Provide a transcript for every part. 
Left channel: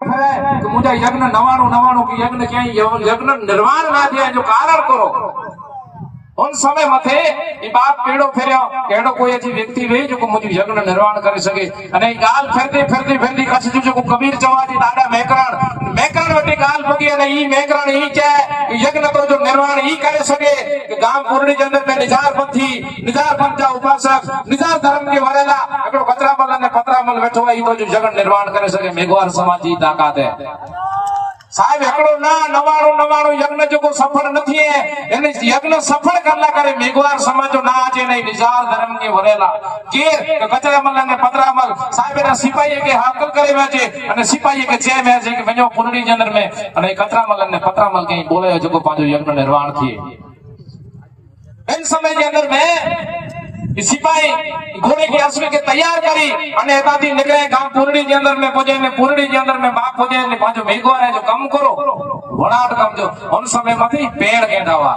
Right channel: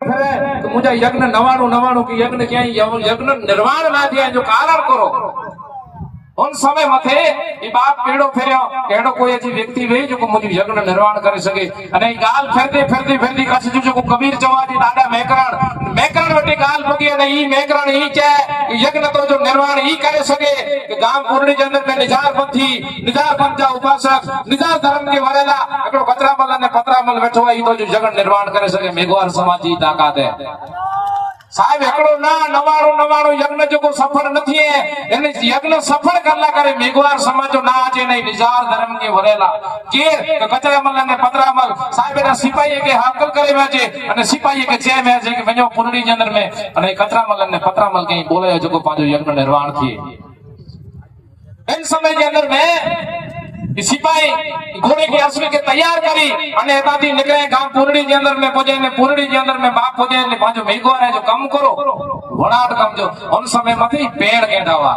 कि मुझे यज्ञ नवाणु नवाणु की यज्ञ क्या यज्ञ निर्माण ना दिया जो कारण करो उन समय मथे ई बाप केड़ो फेर्यो केड़ो कोई अजी व्यक्ति वे जो मुझे यज्ञ निर्माण करे सके अने ई गाल फेरते फेरते फेरते कछ जो कबीर चवाजी दादा मेकरण वटी गाल बगी अने ई मेकरण ई चे यज्ञ तो जो निर्माण ई करे सके कि गाम पूर्णी के अंदर में निजार पंथ जा उपासक निजार धर्म के वरेला एकड़ो कतरामल अने पतरामल बैठो ई तो जो यज्ञ निर्माण करे सके मेघवार समाज जी ताकत है साहब एकड़ो ना नवाणु नवाणु यज्ञ जो सफल नहीं है यानी यज्ञ सफल करला करे मेघवार समाज जो ना आजे नहीं निजार धर्म के वरेला के कचरामल ने पतरामल साहब एना सिपाही के हाकल करे वेजे अने सिपाही के चे में जे के वजो पुरणी के अंदर में अने कचरामल ने पतरामल के बोले जो पांचो यज्ञ निर्माण थी इन समय के अंदर में सिपाही घोड़े की अश्व के तैयार करी अने एताती निकले गांव पुरणी के अंदर में पहुंचे ने पुरणी के अंदर में बाप पहुंचे ने पांचो मेघवार है जो काम करो वड़ाट काम जो उन समय मती पेड़ गेंडावा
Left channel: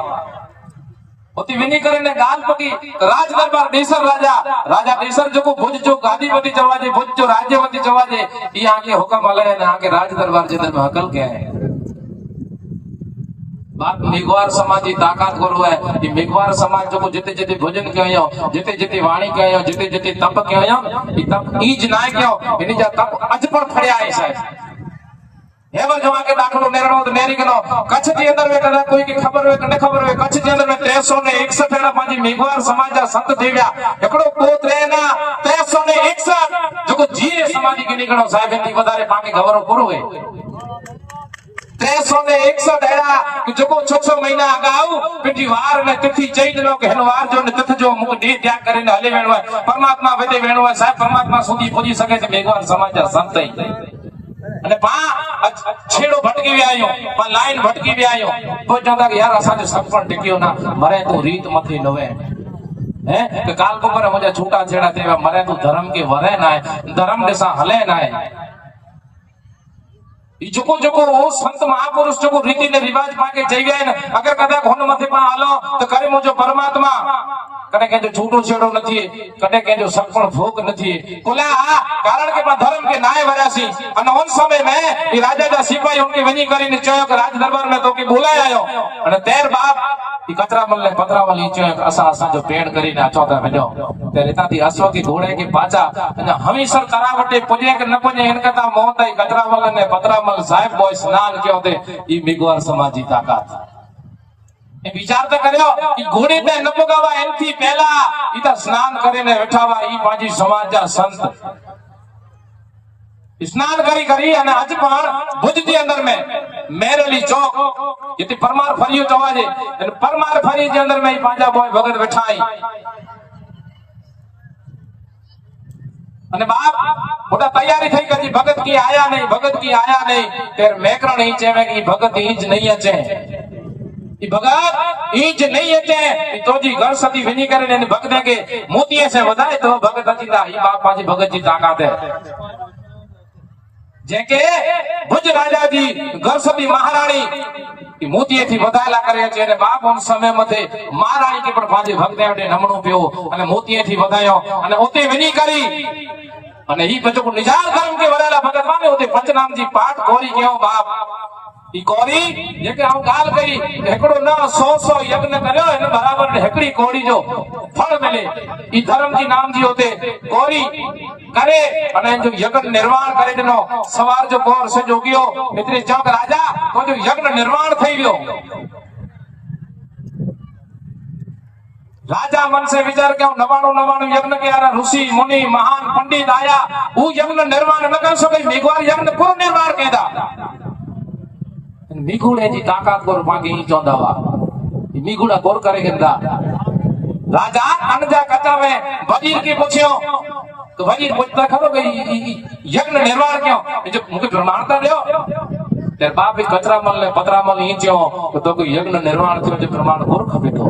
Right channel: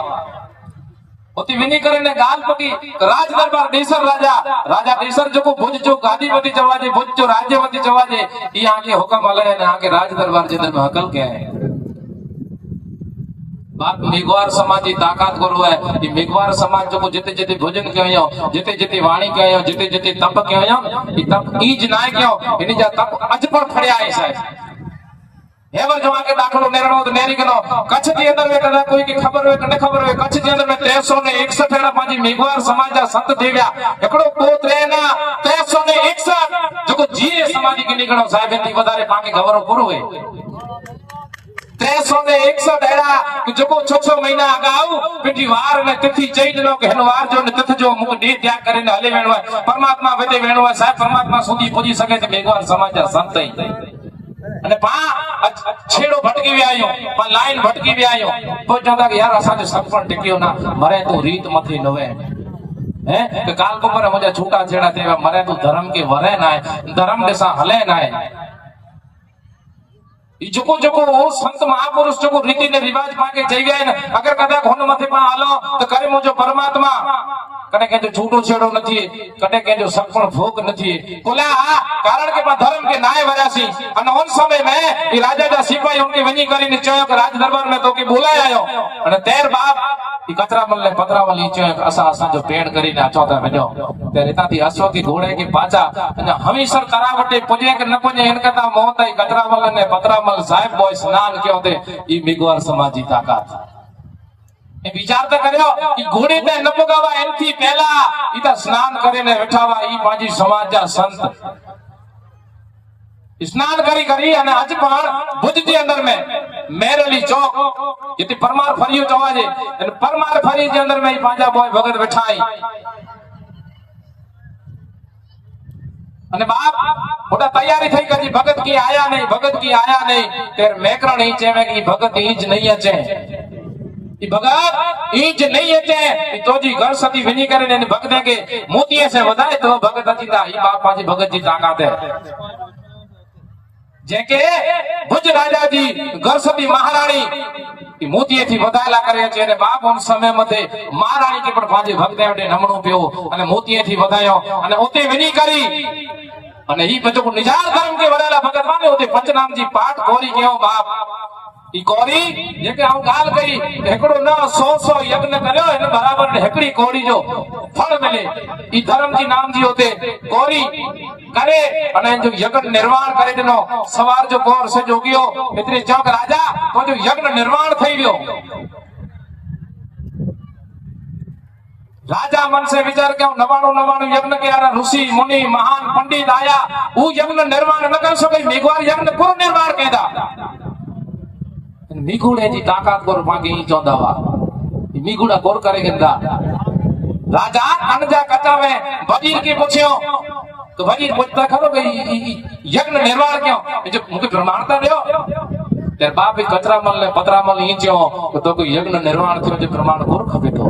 उती विनी करे ने गाल पकी राज दरबार देसर राजा देसर जो को भुज जो गादीपति जवाजे भुज जो राज्यवती जवाजे ई आके हुक्म हले ने आके राज दरबार जे अंदर में हकल के बात मेघवार समाज की ताकत करो है ये मेघवार समाज जो जिते जिते भोजन कयो जिते जिते वाणी कयो जिते जिते तप कयो ये तप ईज ना कयो इनी जा तप अज पर फड़या है साहब हेवर जो आके दाखलो नेरणो तो नेरी करो कच्छ के अंदर में कदा कोई की खबर हो न खबर हो कच्छ के अंदर में 361 एड़ा पांजी मेघवार समाज जा संत देव्या एकड़ो पोत रेना 361 जो जी समाज के निकलो साहब इनती वधारे पाके खबर पूरो है 361 एड़ा जो को 6 महीना अगाऊ पिटी वार में तिथि चई दिनो के हनवार जो ने तिथ जो मुक दे त्याग करे ने हले वेणो परमात्मा वेदे वेणो साहब परमात्मा सुधी पुजी सके छे मेघवार समाज जा संत अने पा छेड़ो भटकी वे आयो पा लाइन भटकी वे आयो तो जदा के यार असा जो सपन टिकियो ना मरे तो रीत मथे नवे है के काल पर मुझे छूटा छेड़ा देवा मरे तो धर्म के वरे ना धर्म दिशा हले ना जोको जोको वो संत महापुरुष जो रीति ने रिवाज पाके जई गए अगर कदा घोन मथे पा हालो तो करे मुझो परमात्मा कदे के जो छूटो छेड़ो नथी कदे के जो सपण भोग नथी कोला कारण के धर्म के नाय वरासी अने उन समय में ये राजा दा सिपाही उनके वनी કરીને चयो के राज दरबार में तो के बोलाय आयो अने तेर बाप ई कतरामल ने पतरामल ई चयो के असा जो पेड़ કરીને चौथा वनो ते रेताती हसो की घोड़े की पाचा अने हमीसर तरावटे पुजे के न पुजे इन कथा मोहताई कतरामल ने पतरामल साहेब बोय स्नान क्यों दे ई मेघवार समाज की ताकत ए विचार तो करयो ई घोड़े पे न पुगावा एनथी पहला ई तो स्नान करीने बैठावा ई पाजी समाज जा संत स्नान करी करी अने आज पण भुज के अंदर में मेरली चौक इते परमार फरियो चवाजे अने परमार फरी के अंदर में पांजा बोय भगत बैठाई अने बाप मोटा तैयारी થઈ ગઈ ભગત की आया नहीं तेर मेकरण ही चेवे की भगत ईज नहीं अचे ई भगत ईज नहीं अचे ई तोजी घर सदी विनी करे ने भगत के मोतिये से वधाए तो भगत अतीता ई बाप पाजी भगत जी ताकत है जेके भुज राजा जी घर सदी महारानी मोतीये थी वधायला करे छे ने बाप उन समय मथे महारानी के पण पाजी भगत ने नमणो पियो अने मोतीये थी वधायो अने ओते विनी करी अने ई बचो को निजार धर्म के वरेला भगत माने ओते पंचनाम जी पाठ कोरी केओ बाप ई कोरी जेके हम गाल करी एकड़ो ना 100 यज्ञ करयो एने बराबर ने हेकड़ी कोरी जो फल मिले ई धर्म जी नाम जी होते कोरी करे अने जो यज्ञ निर्माण करे देनो सवार जो कोर से जोगियो इतने चौक राजा तो जो यज्ञ निर्माण થઈ ગયો राजा मन से विचार के नवाणो यज्ञ के यार ऋषि मुनि महान पंडित आया वो यज्ञ निर्माण न कर सके मेघवार यज्ञ पूर्ण निर्माण केदा मेघुड़े जी ताकत को मांगे ही चौदावा मेघुड़ा गोर करे गिंदा राजा अनजा कथा में वजीर की पूछियो तो वजीर पूछता खरो के यज्ञ निर्माण क्यों जो मुके प्रमाणता दयो तेरे बाप भी कचरामल ने पतरामल ही जो तो कोई यज्ञ निर्माण थियो जो प्रमाण गोर खपे तो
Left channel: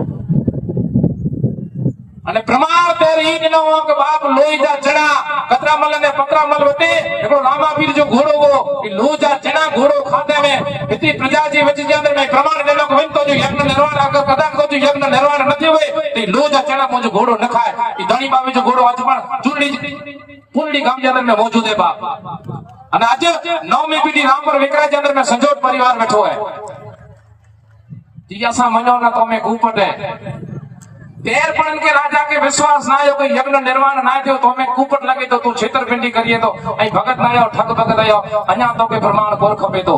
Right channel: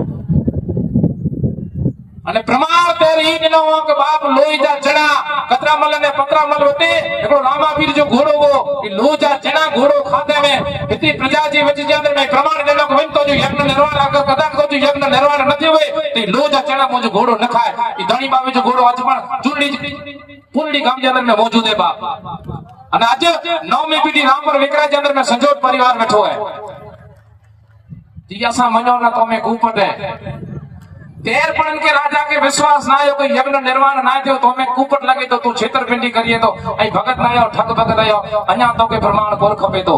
अने प्रमाण तेरी ही दिनो के बाप लोईजा चढ़ा कतरामल ने पतरामल होते एकड़ो रामापीर जो घोड़ो वो लोईजा चढ़ा घोड़ो खाते में इतनी प्रजा जी वच के अंदर में प्रमाण देनो कोई तो जो यज्ञ निर्माण आको कदा को जो यज्ञ निर्माण नथी होए ते लोईजा चढ़ा मुझे घोड़ो न खाए ई धणी पावे जो घोड़ो आज पण चुरड़ी पुरड़ी गाम के अंदर में मौजूद है बाप અને આજે 9મી પેઢી રામપર વિકરાજ અંદર में संजोट परिवार बैठो है जियासा मनो ना तो में कूपट है देर पर इनके राजा के विश्वास ना आयो कोई यज्ञ निर्माण ना थियो तो में कूपट लगे तो तू छेतरपिंडी करिए तो ऐ भगत ना आयो ठग भगत आयो अन्या तो के प्रमाण कोर खपे तो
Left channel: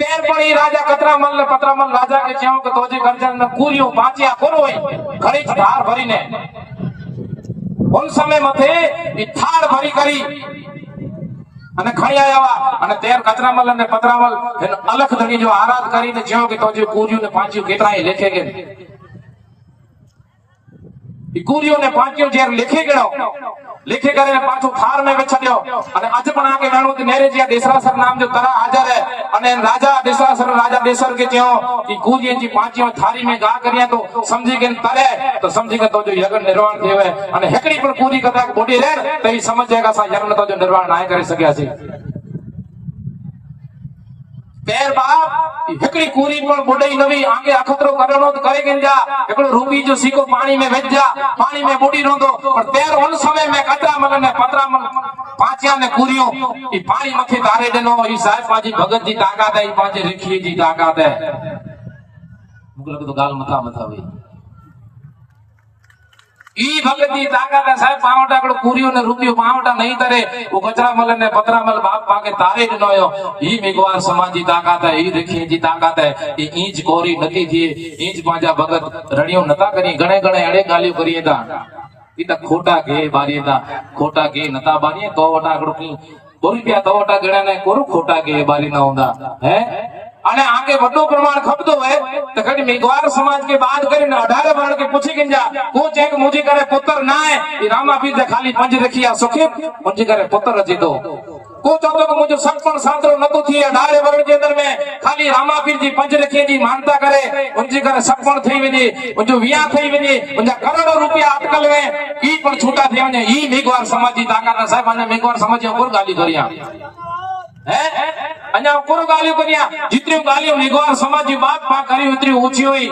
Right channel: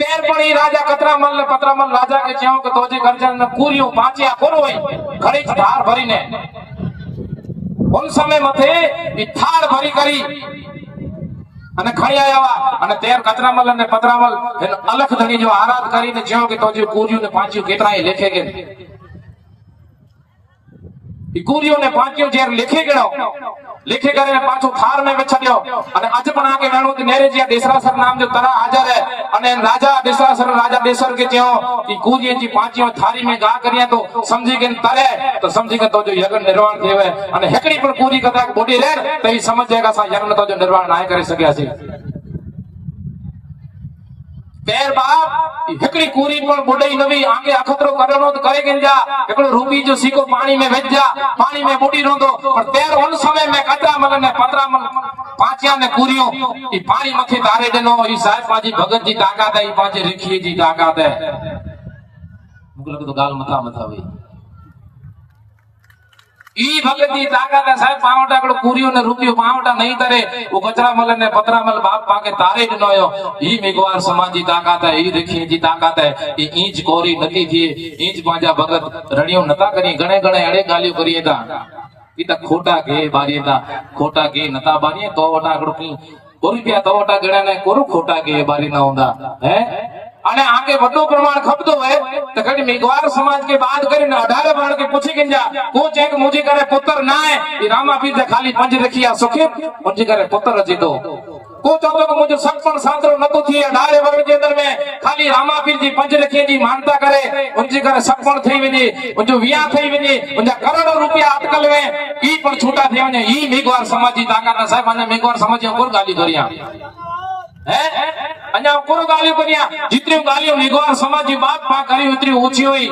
तेर पण ई राजा कतरामल ने पतरामल राजा के जेव के तोजे गर्जन ने पूरियो बाचिया कोरोई घड़ी धार भरीने उन समय मथे ई थार भरी करी અને ખઈ આવ્યા અને તેર કતરામલ અને પતરામલ એને અલખ ધણી જો આરાધ કરીને જેવો કે તોજે કુરિયો ને પાંચ્યું કેટલાય લેખે કે ઈ કુરિયો ને પાંચ્યું જે લેખે ગયો लिखे करे पाछो थार में बेछड्यो અને આજે પણ આગે વેણો તે નેરેજીયા દેસરાસર નામ जो तरा हाजर है અને राजा देसर के जेओ की कूजिए जी पांचियो थारी में गा करिया तो समझी के तरे तो समझी के तो जो यज्ञ निर्माण थेवे અને हेकड़ी पण पूरी कथा बोडी रे तो ई समझ जाएगा सा यज्ञ तो जो निर्माण ना करे सके छे तेर बाप हेकड़ी कूरी पण बोडी नवी आगे अखतरो करनो तो करे गन जा एकड़ो रूपी जो सीको पानी में वेच जा पानी में बोडी नो तो पर तेर उन समय में कतरामल ने पतरामल पांचिया ने कूरियो ई पानी मथे तारे देनो ई साहेब माजी भगत जी ताकत है ई पांचे रिखी जी ताकत है मुगल तो गाल मथा बतावे ई भगत जी ताकत है साहेब पावटा कड़ो कूरियो ने रूपियो पावटा नहीं तरे वो कचरामल ने पतरामल बाप पाके तारे दिनो यो ई मेघवार समाज जी ताकत है ई रिखी जी ताकत है ई इंच कोरी नती थी इंच पांजा भगत रड़ियो नता करी गणे गणे अड़े गालियो करिए ता इता खोटा के बारिए ता खोटा के नता बारिए तो वटा कड़ो की रुपया तो वटा गणा ने कोरो खोटा के बारी ना होंदा है અને આગે વડો પ્રમાણ ખપતો હોય તો કડી મેઘવાર સમાજ के बात કરીને 18 वर्ण के पूछी किंजा को चेक मुझी करे पुत्र ना है ई रामापीर ते खाली पंज रखिया सुखी मुझी करे पुत्र रची दो को चाहतो कि मुझे सत्पन सातरो नतो थी 18 वर्ण के अंदर में खाली रामापीर जी पंज रखिए जी मानता करे मुझी करे सत्पन थई वने मुझो विया थई वने मुझा करोड़ों रुपया अटकल में ई पर छूटा थी वने ई मेघवार समाज जी ताकत साहब ने मेघवार समाज को गाली करिया अन्या कोरो गालियो करिया जितनी गालियो मेघवार समाज जी बात पा करी उतरी ओછી हुई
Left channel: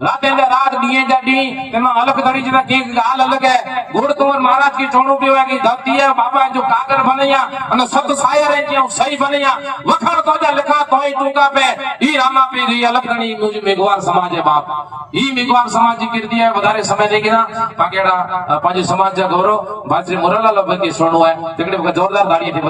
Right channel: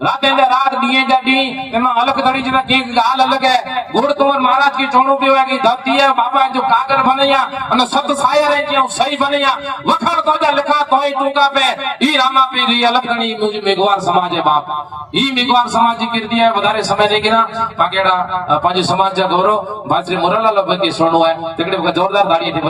राते ने रात दिए जाती एमा अलग धड़ी जी के गाल अलग है गुड़ तोर महाराज की चोणो पीवा की धरती है बाबा जो कागर बनैया અને સત સાયા રે જે સહી बनैया वखण तो जा लिखा तोय टूका पे ई रामा पे री अलग धड़ी मुझे मेघवार समाज है बाप ई मेघवार समाज जी कर दिया વધારે समय देगिना पाकेड़ा पंज समाज का गौरव भाई श्री मुरलाल की सुनो है तिकड़े जोरदार ताड़ी थी